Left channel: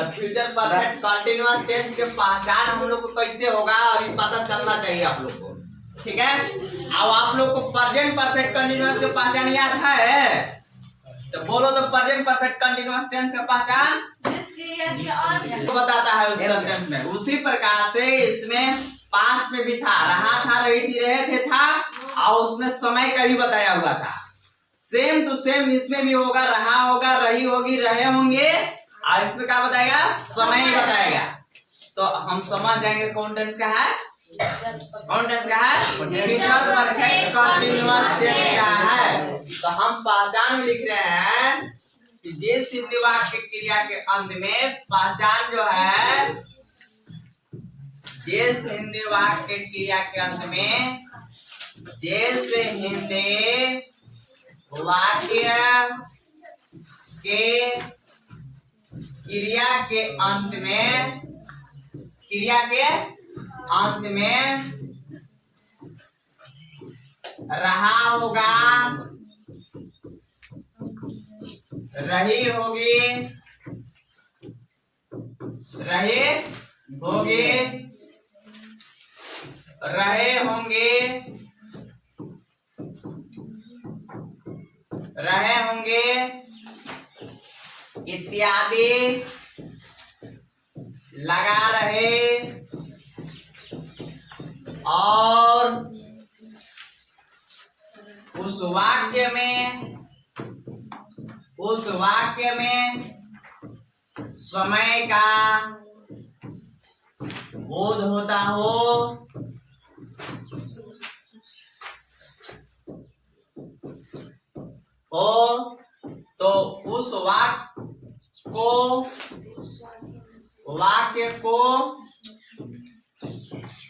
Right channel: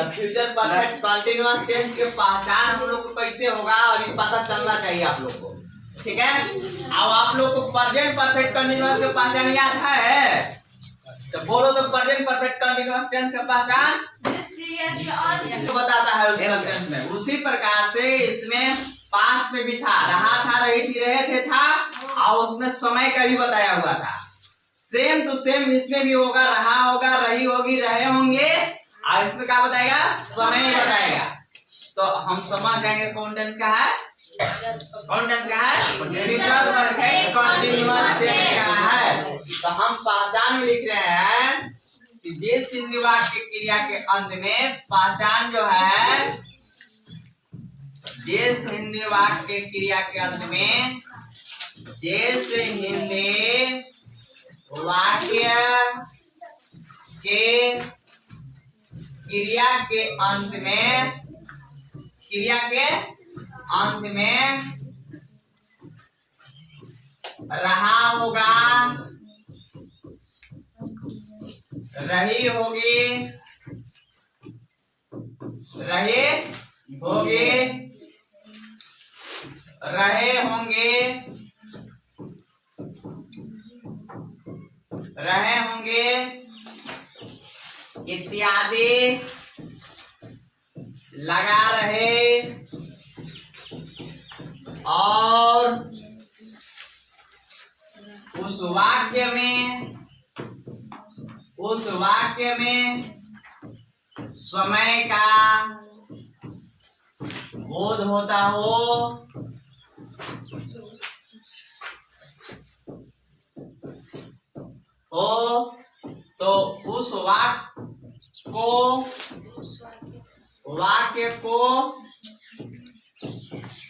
Tense. Future perfect continuous tense के पहचान हम लोग को कैसे होगा और ये पता चलना चाहिए आप लोग को, ठीक है। अब आप लोग को प्रेजेंट परफेक्ट कंटीन्यूअस के पहचान याद है, तो बोलो तो प्रेजेंट परफेक्ट कंटीन्यूअस टेंस का पहचान बताता है उस सेंटेंस में। उसी प्रकार से इसमें पास्ट में भी था, रहा था, रही थी, रहे थे था, और उसमें समय का भी बताया हुआ था। सेम टू सेम इसमें भी होगा, रहा होगा, रही होगी, रहे होंगे, और इसमें क्या बताएगा, समय ही बताएगा। तो हम समझ जाएंगे कौन टेंस का है, कौन टेंस का है, फ्यूचर परफेक्ट कंटीन्यूअस टेंस का है। तो हम पहचान में लिख रहे हैं कि जिस हिंदी वाक्य क्रिया के अंत में पहचान जो है, जिस हिंदी वाक्य क्रिया के अंत में, जिस हिंदी वाक्य के क्रिया के अंत में, क्रिया के अंत में रहा होगा, रही होगी, रहे होगे, रहे होंगे, रहे होंगे इत्यादि, लगा रहे, और उस वाक्य में समय का बोध होता हो, तो उस वाक्य को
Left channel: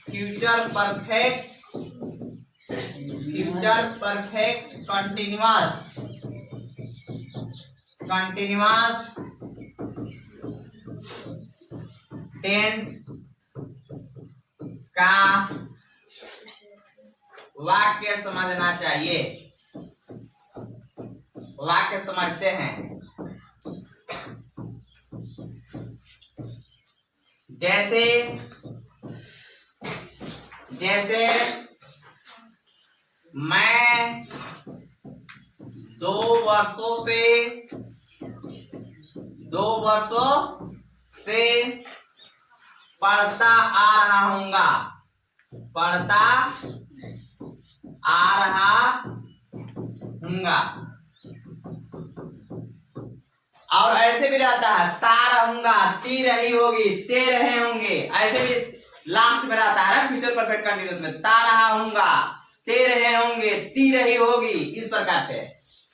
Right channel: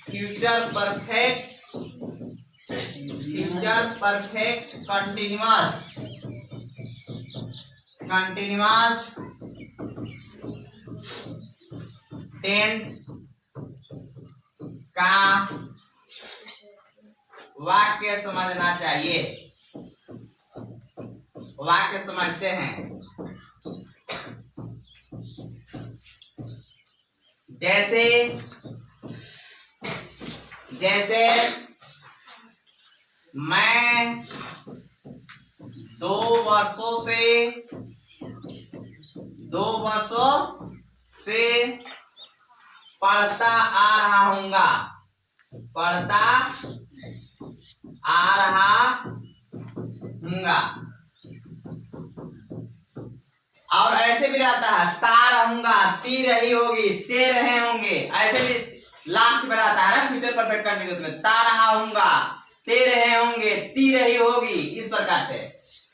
फ्यूचर परफेक्ट कंटीन्यूअस टेंस का वाक्य समझना चाहिए। वाक्य समझते हैं, जैसे जैसे मैं 2 वर्षों से पढ़ता आ रहा हूँगा, पढ़ता आ रहा हूँगा। और ऐसे भी रहता है, ता रहूंगा, ती रही होगी, ते रहे होंगे, ऐसे भी लास्ट में रहता है ना फ्यूचर परफेक्ट कंटीन्यूअस में, ता रहा हूँगा, ते रहे होंगे, ती रही होगी, इस प्रकार से,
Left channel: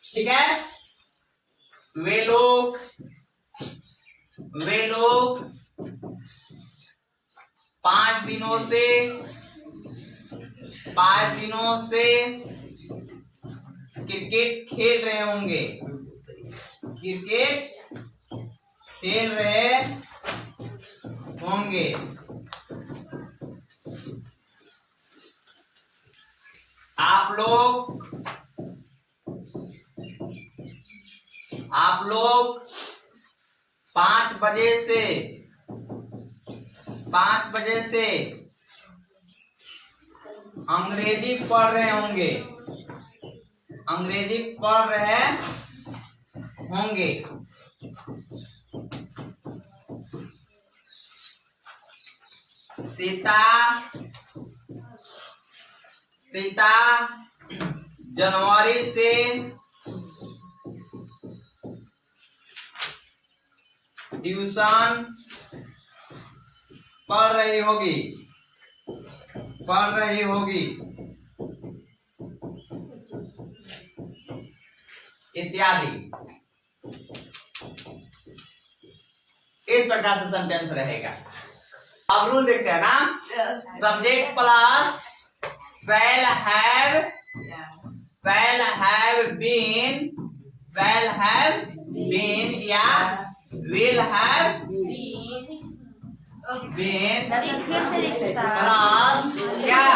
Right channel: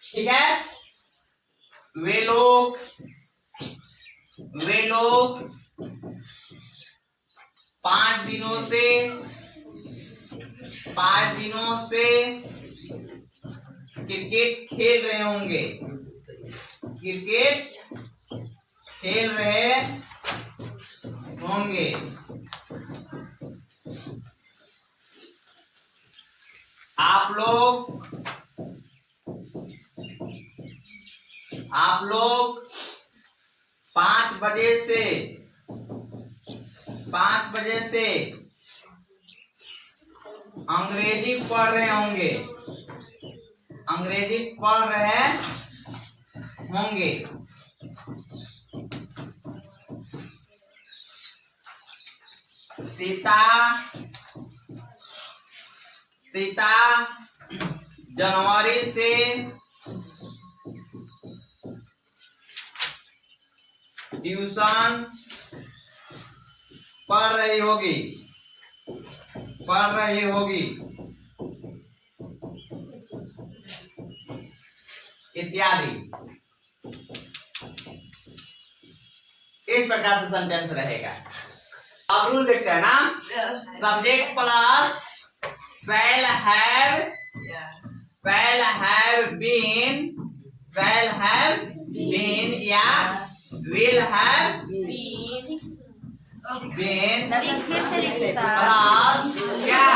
ठीक है। वे लोग 5 दिनों से क्रिकेट खेल रहे होंगे, क्रिकेट खेल रहे होंगे। आप लोग 5 बजे से अंग्रेजी पढ़ रहे होंगे, अंग्रेजी पढ़ रहे होंगे। सीता जनवरी से ट्यूशन पढ़ रही होगी, इत्यादि। इस प्रकार से सेंटेंस रहेगा। अब रूल देखते हैं ना, subject plus shall have been या will have been फिर से लिखता प्लस क्या,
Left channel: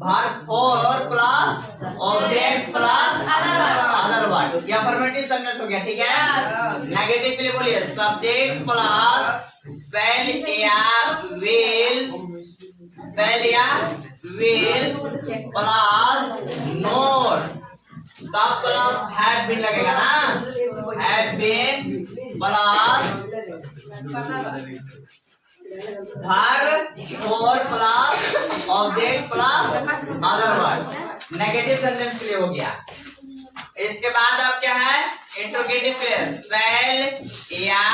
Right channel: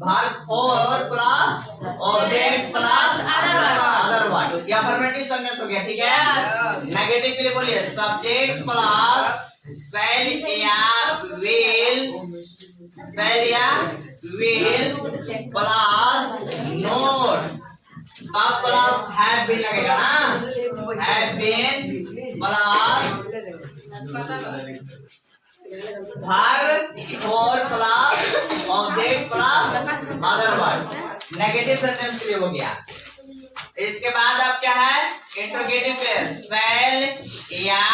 verb 4 plus object plus other word, ये अफर्मेटिव सेंटेंस हो गया, ठीक है। नेगेटिव के लिए बोलिए सब्जेक्ट प्लस शैल या विल, शैल या विल प्लस नोट, तब प्लस हैव बीन लगेगा ना, हैव बीन प्लस वर्ब और plus object plus other verb. Negative sentence के लिए हो गया। इसके बाद अब क्या है, इंट्रोगेटिव पे शैल या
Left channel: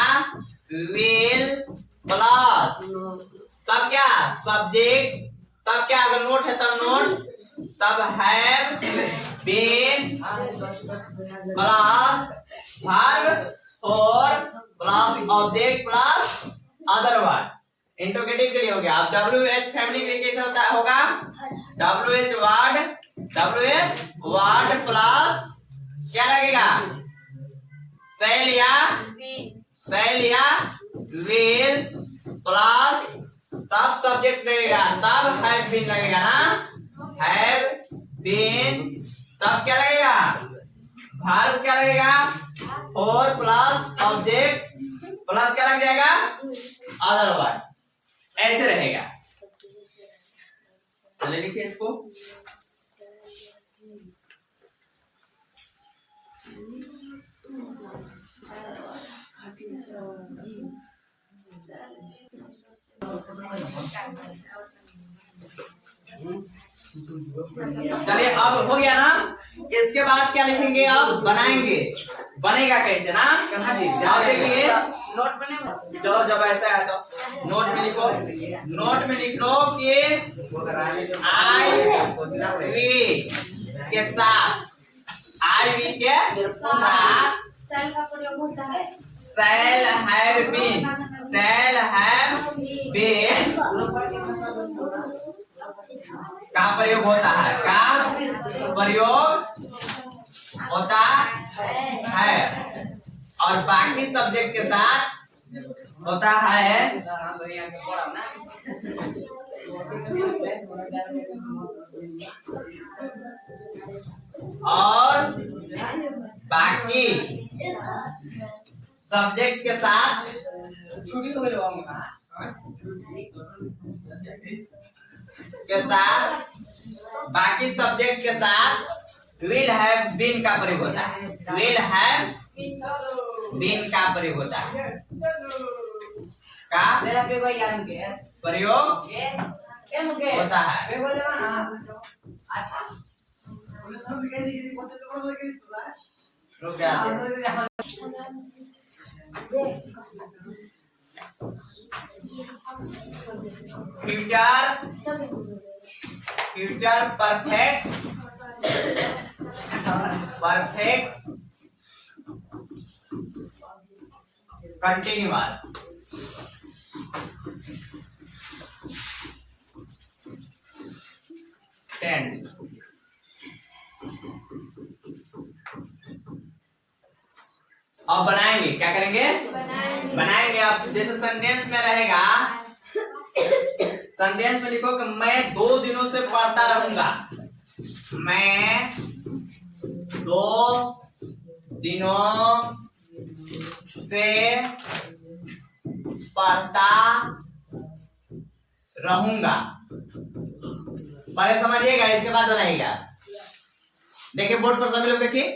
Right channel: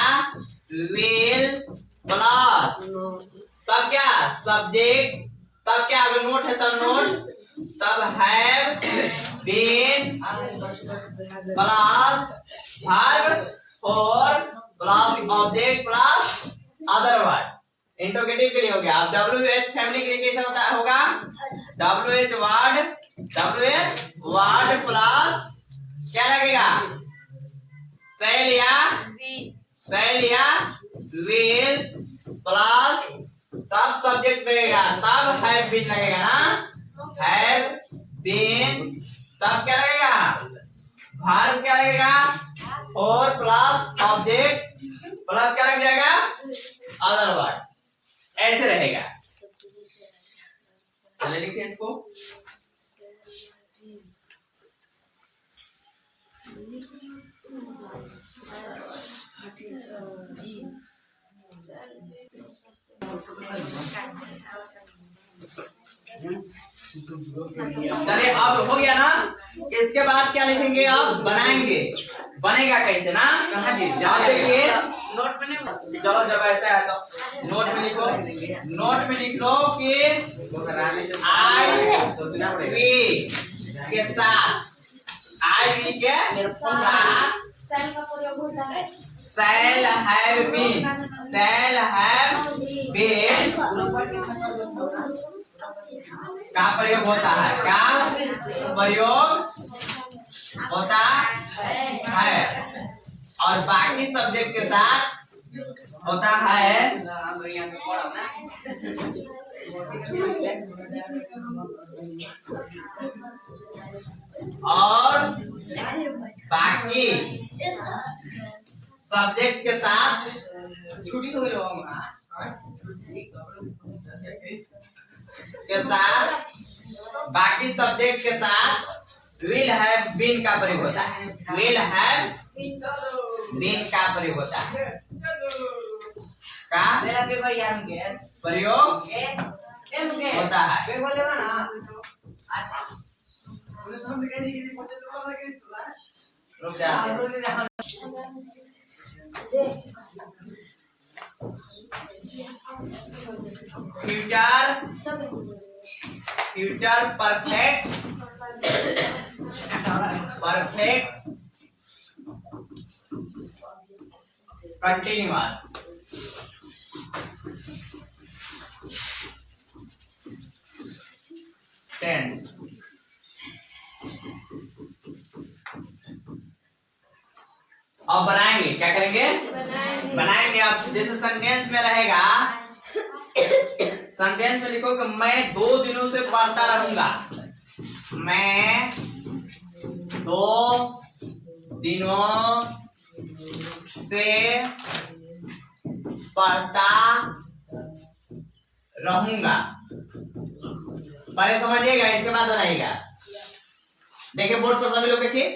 विल प्लस, तब क्या सब्जेक्ट, तब क्या अगर नोट है तब नोट, तब हैव बीन प्लस वर्ब और plus object plus other verb. Interrogative के लिए हो गया। अब WH फैमिली के लिए कैसे होता होगा, WH वर्ड प्लस क्या लगेगा, शैल या विल प्लस, तब सब्जेक्ट लगेगा, तब हैव बीन लगेगा ना, हैव बीन, तब क्या लगेगा वर्ब क्या लगेगा, और प्लस ऑब्जेक्ट प्लस क्या लग जाएगा अदर वर्ड, ऐसे रहेगा। चलिए लिखिए इसको। चलिए अब हो गया ना। इसके बाद क्या लिखेंगे, अब बनाएंगे, बनेगा कैसे ना, कहाँ जी जहाँ देखिए नोट में, चलो जब ऐसा है तो नोट में लिखो, नोट में लिख लो कि आई वी के साथ, आई वी के साथ सेल का प्रयोग होता है, shall have been, shall have been का प्रयोग होता है, का प्रयोग होता है, और बाकी सब्जेक्ट के साथ होता है और बाकी सब्जेक्ट के साथ छुट्टी के साथ, बाकी सब्जेक्ट के साथ विल हैव बीन का प्रयोग होता है, विल हैव बीन का प्रयोग होता है, का प्रयोग होता है। रुक जाते future perfect, perfect continuous, tense. अब बनाएंगे, क्या करेंगे, बनाएंगे। अब जैसे सेंटेंस में रहेगा, सेंटेंस में लिखो कि मैं 2 दिनों से पढ़ता रहूंगा, मैं 2 दिनों से पढ़ता रहूंगा। पहले समझिएगा, इसके बाद बनाइएगा। देखिए बोर्ड पर सभी लोग देखिए,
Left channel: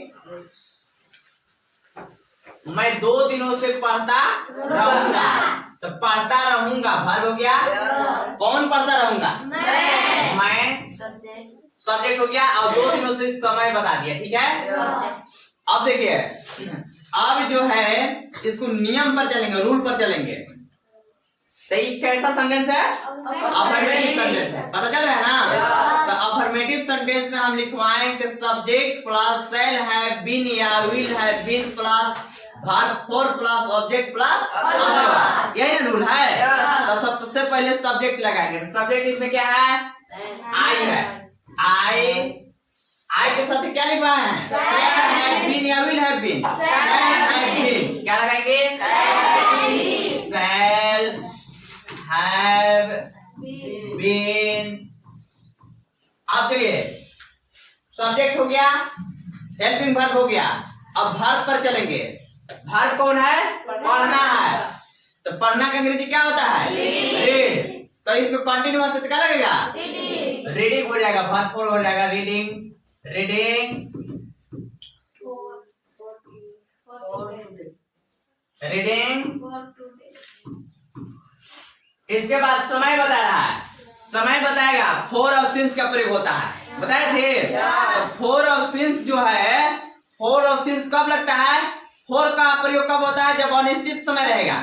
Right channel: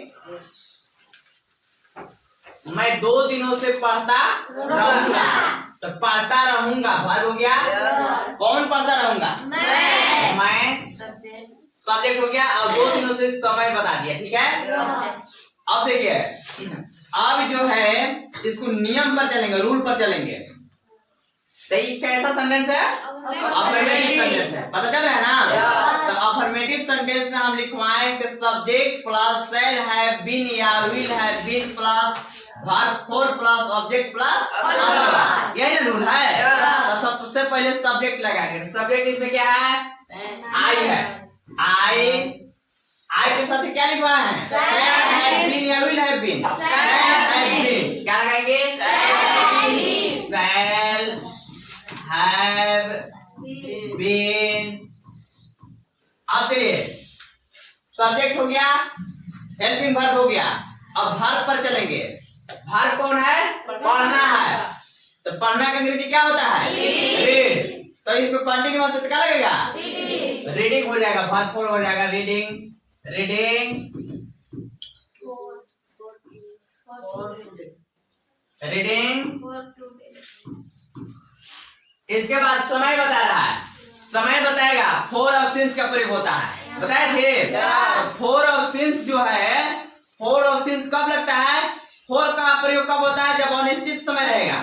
मैं 2 दिनों से पढ़ता रहूंगा, तो पढ़ता रहूंगा वर्ब हो गया, कौन पढ़ता रहूंगा, मैं सब्जेक्ट हो गया, और 2 दिनों से समय बता दिया, ठीक है। अब देखिए, अब जो है इसको नियम पर चलेंगे, रूल पर चलेंगे। तो ये कैसा सेंटेंस है, अफर्मेटिव सेंटेंस है, पता चल रहा है ना। तो अफर्मेटिव सेंटेंस में हम लिखवाएंगे subject plus shall have been या will have been plus verb four plus object plus other verb, यही ना रूल है। तो सबसे पहले सब्जेक्ट लगाएंगे। सब्जेक्ट इसमें क्या है, आई है, आई के साथ क्या लिखवा है, हैव बीन या विल हैव बीन, क्या लगाएंगे, शैल हैव बीन। अब चलिए सब्जेक्ट हो गया, हेल्पिंग वर्ब हो गया, अब वर्ब पर चलेंगे। वर्ब कौन है? पढ़ना है। तो पढ़ना का अंग्रेजी क्या होता है? रीड। तो इसमें कंटिन्यूअस से क्या लगेगा? रीडिंग हो जाएगा, वर्ब फॉर हो जाएगा रीडिंग। Reading reading. इसके बाद समय बता रहा है, समय बताएगा। फोर ऑफ सिंस का प्रयोग होता है, बताए थे। तो फोर ऑफ सिंस जो है, फोर ऑफ सिंस कब लगता है? फोर का प्रयोग कब होता है? जब अनिश्चित समय रहेगा।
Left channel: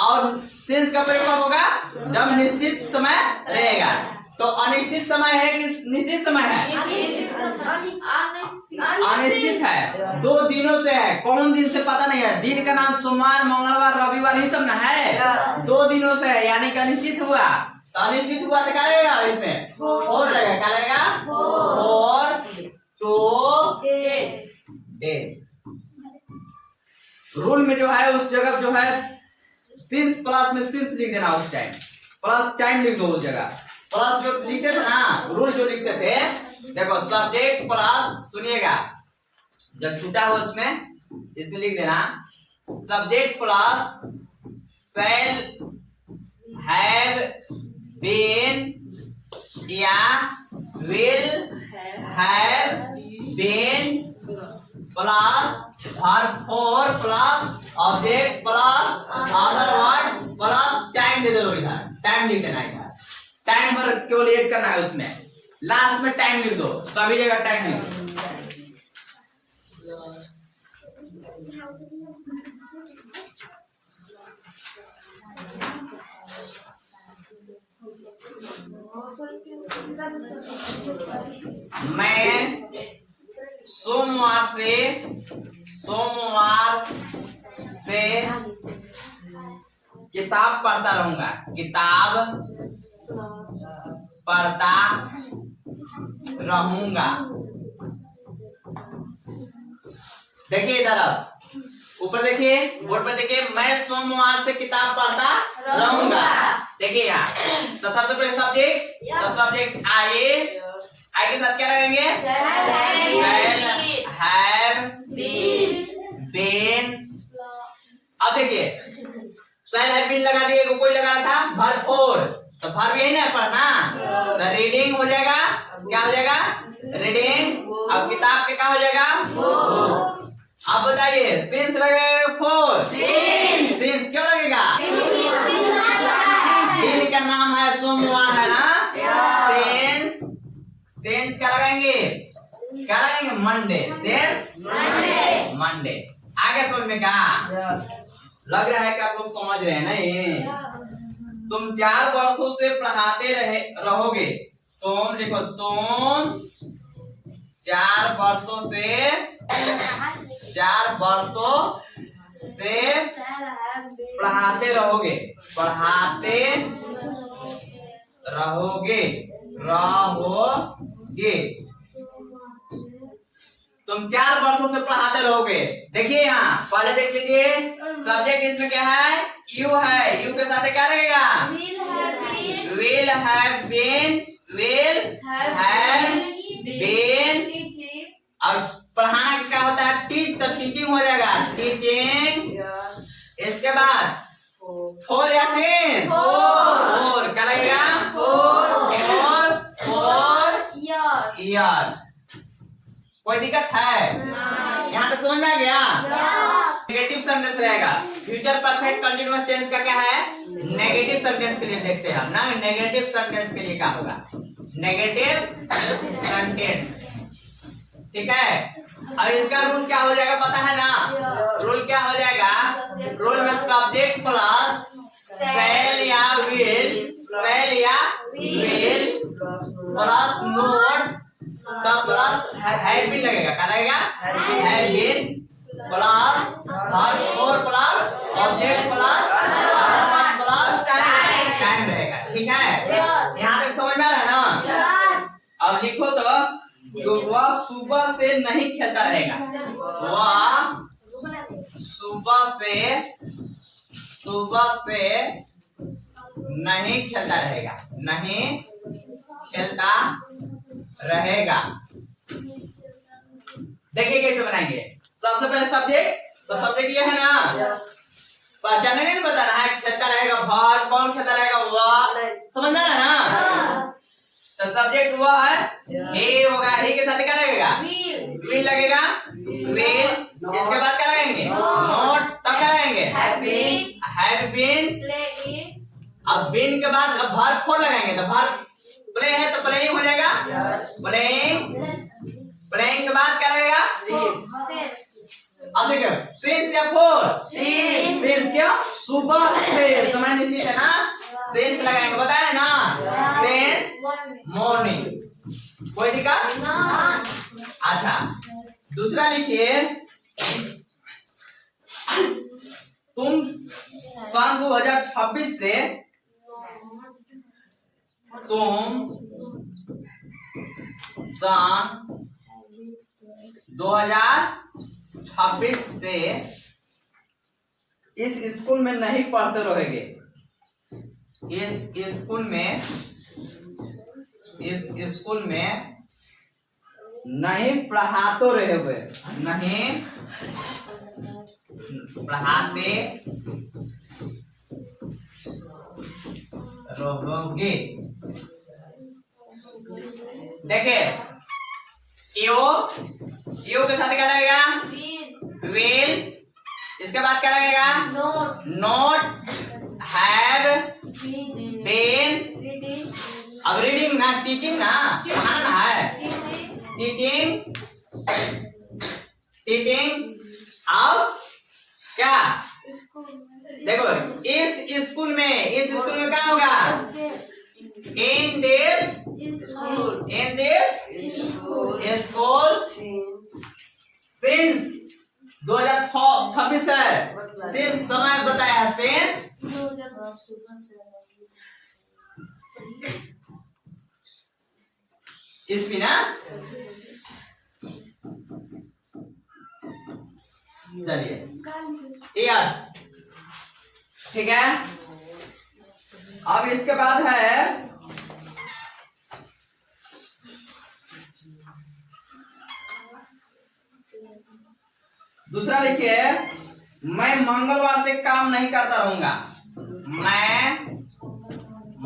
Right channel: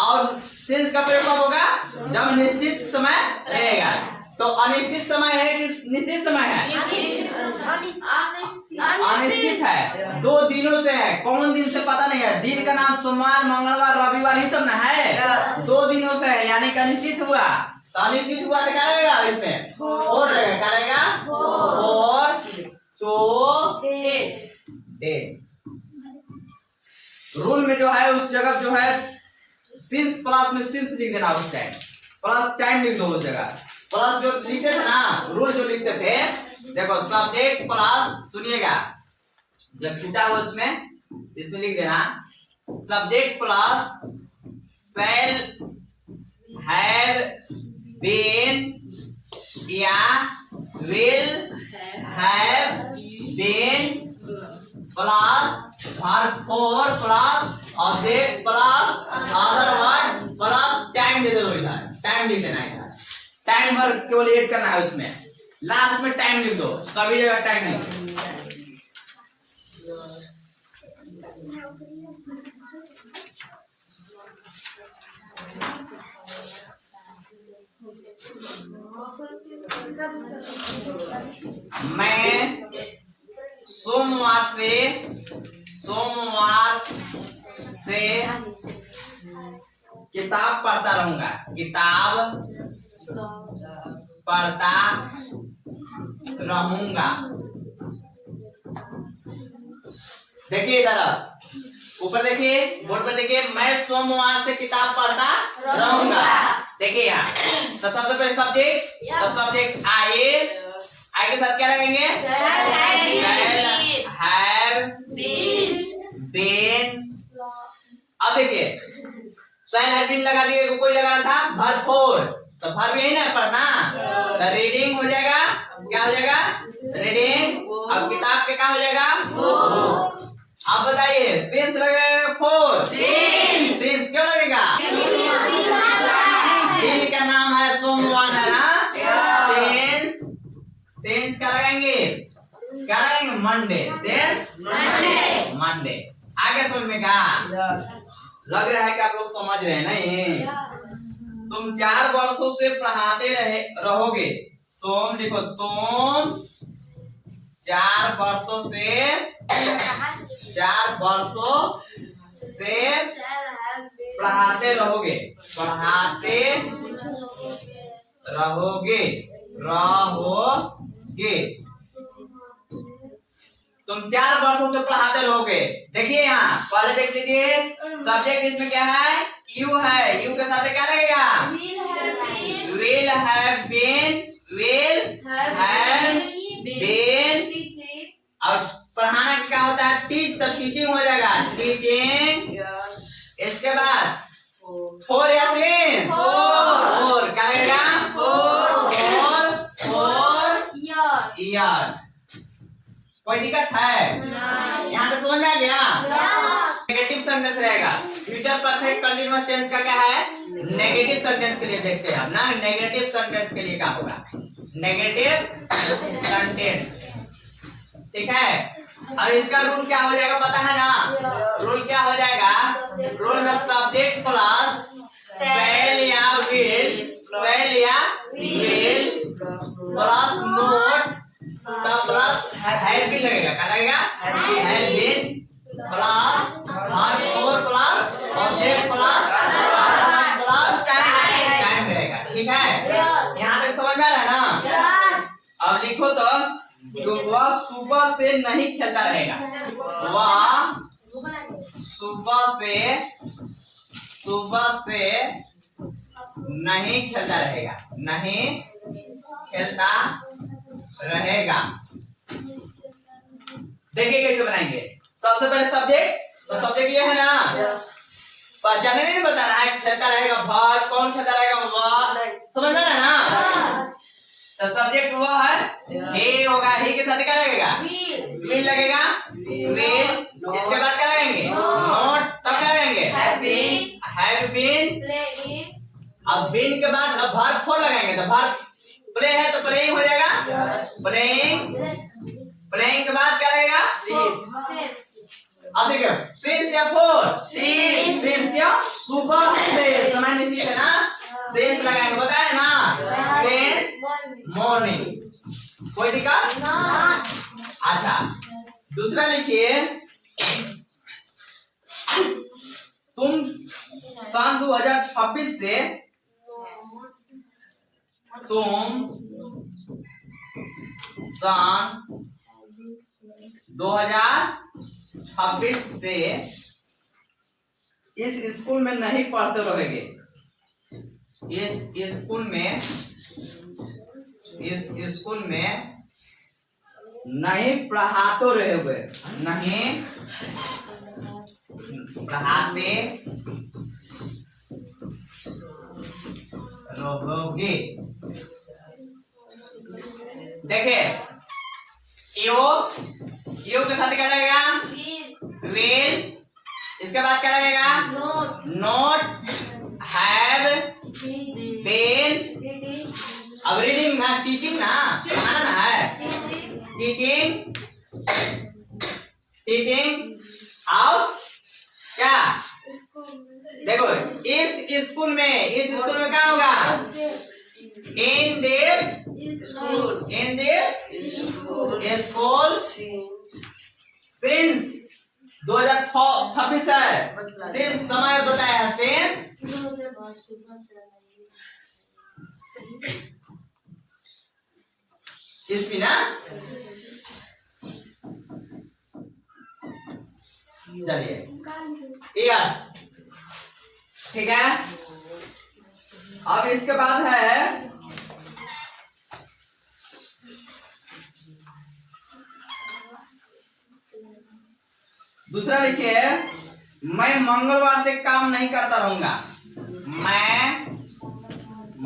और सिंस का प्रयोग कब होगा? जब निश्चित समय रहेगा। तो अनिश्चित समय है कि निश्चित समय है? अनिश्चित है, 2 दिनों से है। कौन दिन से पता नहीं है। दिन का नाम सोमवार, मंगलवार, रविवार ही सब ना है। 2 दिनों से है, यानी कि अनिश्चित हुआ। तो अनिश्चित हुआ तो क्या रहेगा? इसमें फोर रहेगा। क्या रहेगा? Four two days. रूल में जो है, उस जगह जो है सिंस प्लस में सिंस लिख देना। उस टाइम प्लस टाइम लिख दो उस जगह। प्लस जो लिखते थे ना, रूल जो लिखते थे, देखो सब्जेक्ट प्लस, सुनिएगा जब छूटा हो उसमें, इसमें लिख देना subject plus shall have been या will have been plus verb four plus object plus other word plus time दे दो। इधर टाइम लिख देना। इधर टाइम पर केवल ऐड करना है, उसमें लास्ट में टाइम लिख दो। सभी जगह टाइम लिख दो। मैं सोमवार से किताब पढ़ता रहूंगा। किताब पढ़ता रहूंगा। देखिए इधर ऊपर देखिए, बोर्ड पर देखिए, मैं सोमवार से किताब पढ़ता रहूंगा। देखिए यहाँ, तो सबसे पहले सब्जेक्ट, तो सब्जेक्ट आए के साथ क्या लगेंगे? Have been. अब देखिए शैल हैव बीन लगा दिए, कोई लगा रहा था वर्ब फोर, तो वर्ब यही ना पढ़ना। तो रीडिंग हो जाएगा। क्या हो जाएगा? रीडिंग। अब किताब के क्या हो जाएगा? अब बताइए सिंस लगेगा फोर। सिंस क्यों लगेगा? दिन का नाम है सोमवार है ना। सिंस, सिंस क्या लगाएंगे? क्या लगाएंगे? मंडे। Since Monday. आगे समझ में क्या लग रहा है कि आप लोग समझ रहे हैं नहीं? तुम 4 वर्षों से पढ़ाते रहोगे। तुम लिखो, तुम 4 वर्षों से पढ़ाते रहोगे। तुम 4 वर्षों से पढ़ाते रहोगे। देखिए यहाँ पहले देख लीजिए, सब्जेक्ट इसमें क्या है? यू है। यू के साथ क्या लगेगा? Will have been. और पढ़ाना क्या होता है? टीच। तो टीचिंग हो जाएगा, टीचिंग। इसके बाद फोर या तीन? फोर क्या लगेगा? Four years. कोई दिक्कत है? यहाँ तक समझ में आ गया? नेगेटिव सेंटेंस रहेगा। फ्यूचर परफेक्ट कंटीन्यूअस टेंस का क्या है? नेगेटिव सेंटेंस के लिए देखते हैं हम ना। नेगेटिव सेंटेंस के लिए क्या होगा? नेगेटिव सेंटेंस, ठीक है। अब इसका रूल क्या हो जाएगा पता है ना? रूल क्या हो जाएगा? रूल में सब्जेक्ट प्लस शैल या विल प्लस नोट का प्लस हैव बीन लगेगा। क्या लगेगा? Have been plus verb four plus object plus time रहेगा, ठीक है। यहाँ तक समझ में आ रहा है ना? अब लिखो तो वह सुबह से नहीं खेलता रहेगा। वह सुबह से नहीं खेलता रहेगा। नहीं खेलता रहेगा। देखिए कैसे बनाएंगे। सबसे पहले सब्जेक्ट, तो सब्जेक्ट ये है ना, पहचाने नहीं बताना है, खेलता रहेगा भाग, कौन खेलता रहेगा वह, समझ में आ रहा है ना। तो सब्जेक्ट वह है, हे होगा, हे के साथ क्या लगेगा, विल लगेगा, विल। इसके बाद क्या लगाएंगे, नोट, तब क्या लगाएंगे, हैव बीन। अब बीन के बाद अब वर्ब फोर लगाएंगे, तो वर्ब प्ले है तो प्लेइंग हो जाएगा, प्लेइंग। प्लेइंग के बाद क्या लगेगा, अब देखिए सिंस या फोर, सिंस क्या, सुबह से, समय निश्चित है ना, सिंस लगाएंगे, बताया ना, सिंस मॉर्निंग। कोई दिक्कत, अच्छा दूसरा लिखिए, तुम सन 2026 से, तुम सन 2026 से इस स्कूल में नहीं पढ़ते रहोगे, इस स्कूल में, इस स्कूल में नहीं पढ़ाते रहोगे, नहीं पढ़ाते रहोगे। देखिए यो के साथ क्या लगेगा, विल। इसके बाद क्या लगेगा, नोट, हैव बीन। अब रीडिंग ना, टीचिंग ना, पढ़ाना ना है, टीचिंग, टीचिंग। अब क्या, देखो इस स्कूल में, इस स्कूल में क्या होगा, इन दिस स्कूल, सिंस 2026 है, सिंस समय बताया है, सिंस इसमें ना, चलिए यस, ठीक है। अब इसके बाद है दूसरा, लिखिए मैं मंगलवार से काम नहीं करता रहूंगा, मैं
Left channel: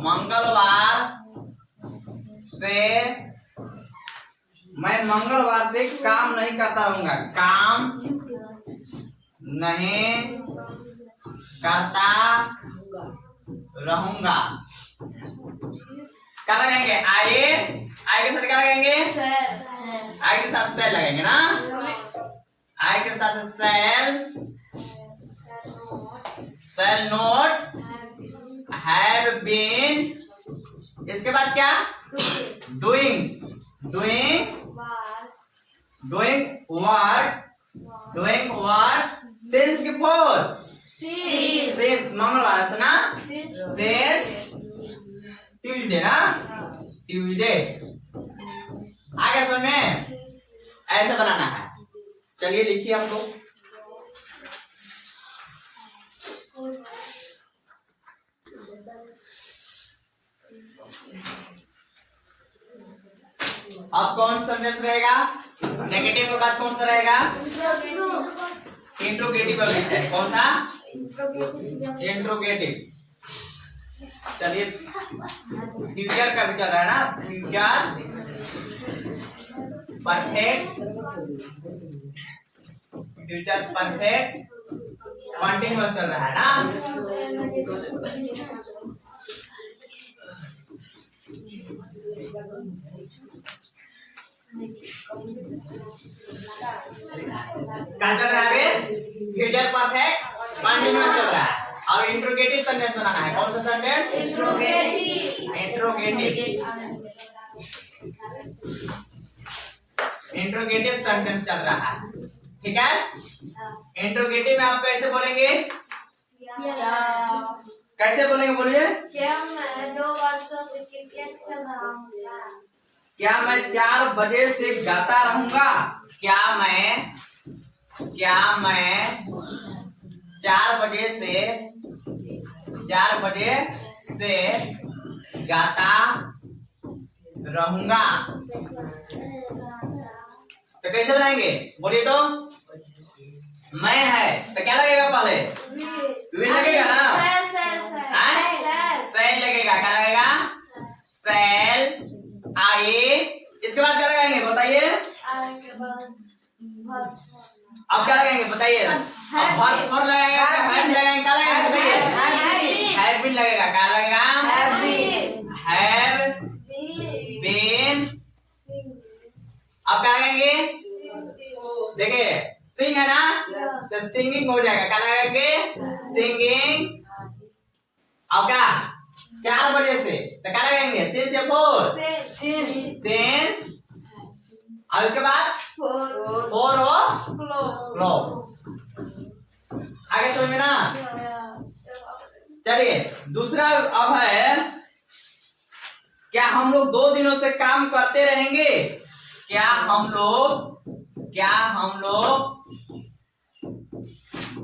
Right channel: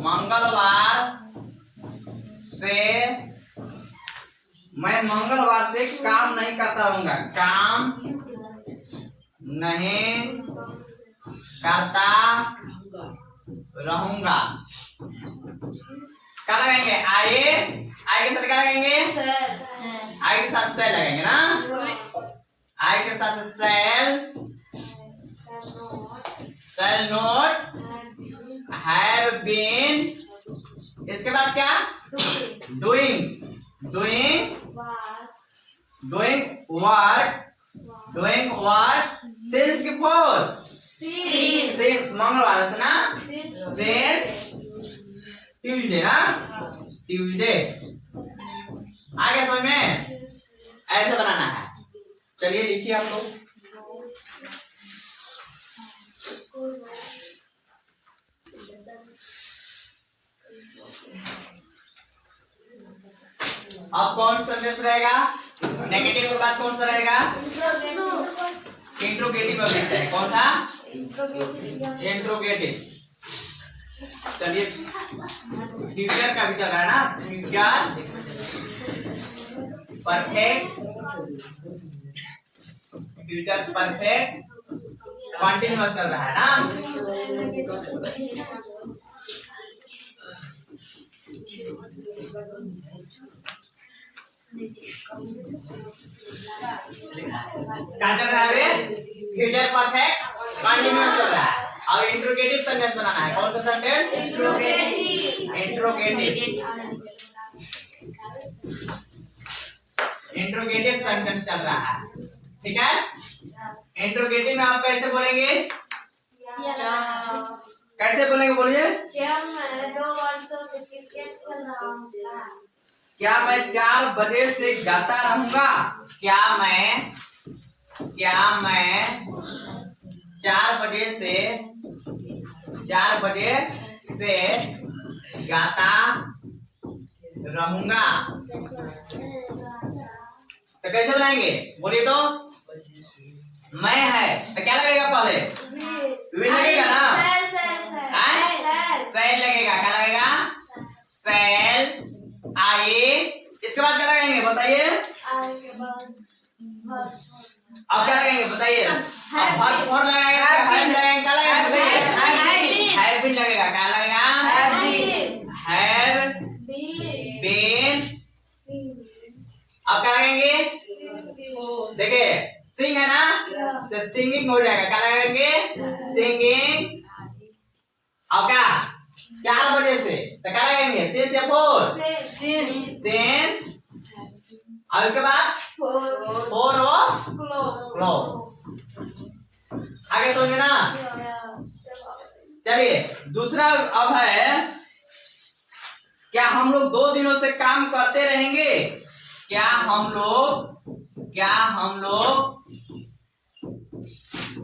मंगलवार से काम नहीं करता रहूंगा, काम नहीं करता रहूंगा। क्या लगाएंगे, आए के साथ क्या लगाएंगे, आई के साथ सेल लगाएंगे ना, आई के साथ सेल नोट हैव बीन। इसके बाद क्या, डूइंग वर्क, सिंस की फोर, सिंस मंगलवार से ना, सिंस ट्यूसडे ना, ट्यूसडे। आगे समझ में, ऐसे बनाना है। चलिए लिखिए हम लोग, अब कौन सा सेंटेंस रहेगा, नेगेटिव के बाद कौन सा रहेगा, इंट्रोगेटिव का लिखते हैं, कौन सा, इंट्रोगेटिव। चलिए फ्यूचर का भी चल रहा है ना, future perfect, future perfect continuous चल रहा है ना। क्या चल रहा है, फ्यूचर परफेक्ट कंटिन्यूअस चल रहा है। और इंट्रोगेटिव सेंटेंस बनाना है, कौन सा सेंटेंस, इंट्रोगेटिव सेंटेंस चल रहा है, ठीक है। इंट्रोगेटिव में आप कैसे बोलेंगे, कैसे बोलेंगे, बोलिए, क्या मैं 2 वर्षों से क्रिकेट खेल रहा हूँ, क्या मैं 4 बजे से गाता रहूंगा, क्या मैं 4 बजे से गाता रहूंगा। तो कैसे बनाएंगे, बोलिए तो, मैं है तो क्या लगेगा पहले? वी लगेगा ना? सेल लगेगा। क्या लगेगा? सेल आए। इसके बाद क्या लगाएंगे बताइए? अब क्या लगाएंगे बताइए? अब वर्ब फॉर लगाएगा, हैव लगाएंगे, क्या लगेगा बताइए? हैव बीन लगेगा। क्या लगेगा? Have been. अब क्या लगाएंगे? देखिए सिंग है ना, तो सिंगिंग हो जाएगा। क्या लगाएंगे? सिंगिंग। अब क्या 4 बजे से तो क्या लगाएंगे? सिंस या फोर? सिंस। अब इसके बाद फोर हो क्लॉक। आगे समझ में ना? चलिए दूसरा अब है, क्या हम लोग 2 दिनों से काम करते रहेंगे? क्या हम लोग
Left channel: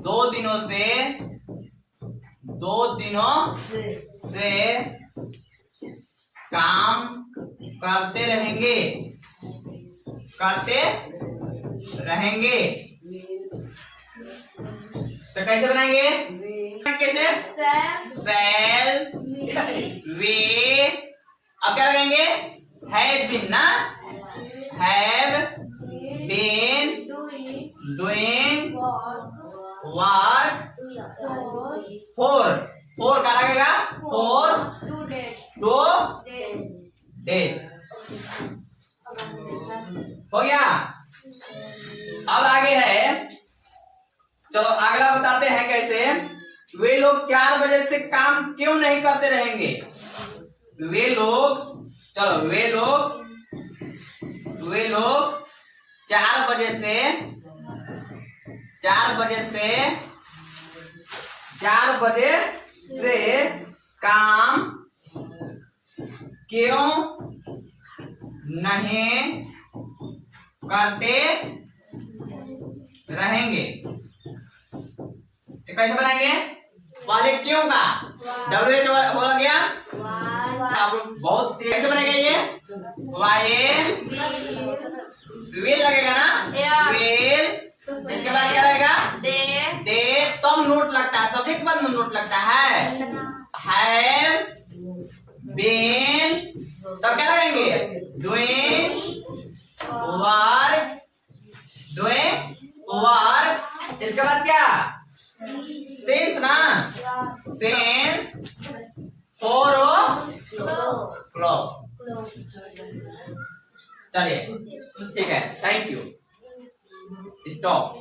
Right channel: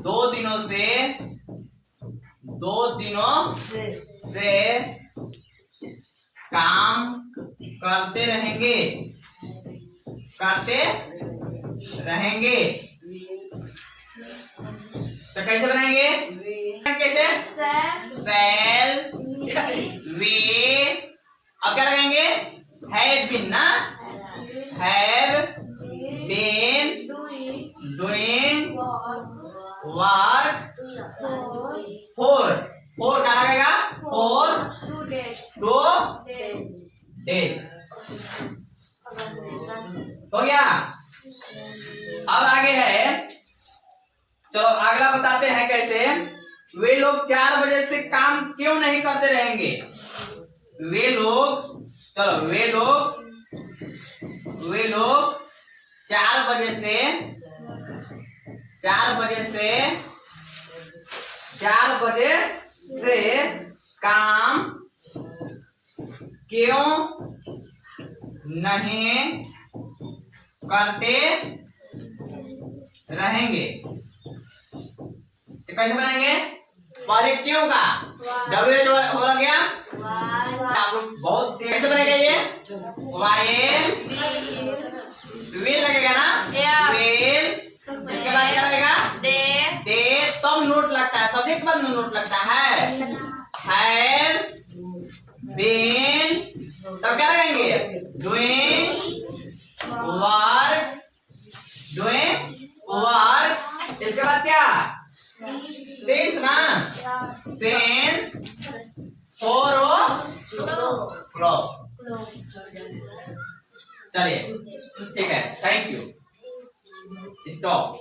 2 दिनों से काम करते रहेंगे? तो कैसे बनाएंगे? कैसे? सेल वे। अब क्या लगाएंगे? हैव बीन ना, have been doing work for. क्या लगेगा? For 2 days. हो गया। अब आगे है, चलो अगला बताते हैं कैसे। वे लोग 4 बजे से काम क्यों नहीं करते रहेंगे? वे लोग 4 बजे से काम क्यों नहीं करते रहेंगे? तो कैसे बनाएंगे? पहले क्यों का डब्ल्यू बोला गया। आप लोग बहुत कैसे बनेगा ये? वाई विल लगेगा ना, विल। इसके बाद क्या लगेगा? दे। तब नोट लगता है, सब्जेक्ट बाद नोट लगता है। Have been. तब क्या लगाएंगे? Doing work. इसके बाद क्या? सिंस ना, सिंस फोर क्लॉक। चलिए ठीक है, थैंक यू, स्टॉप।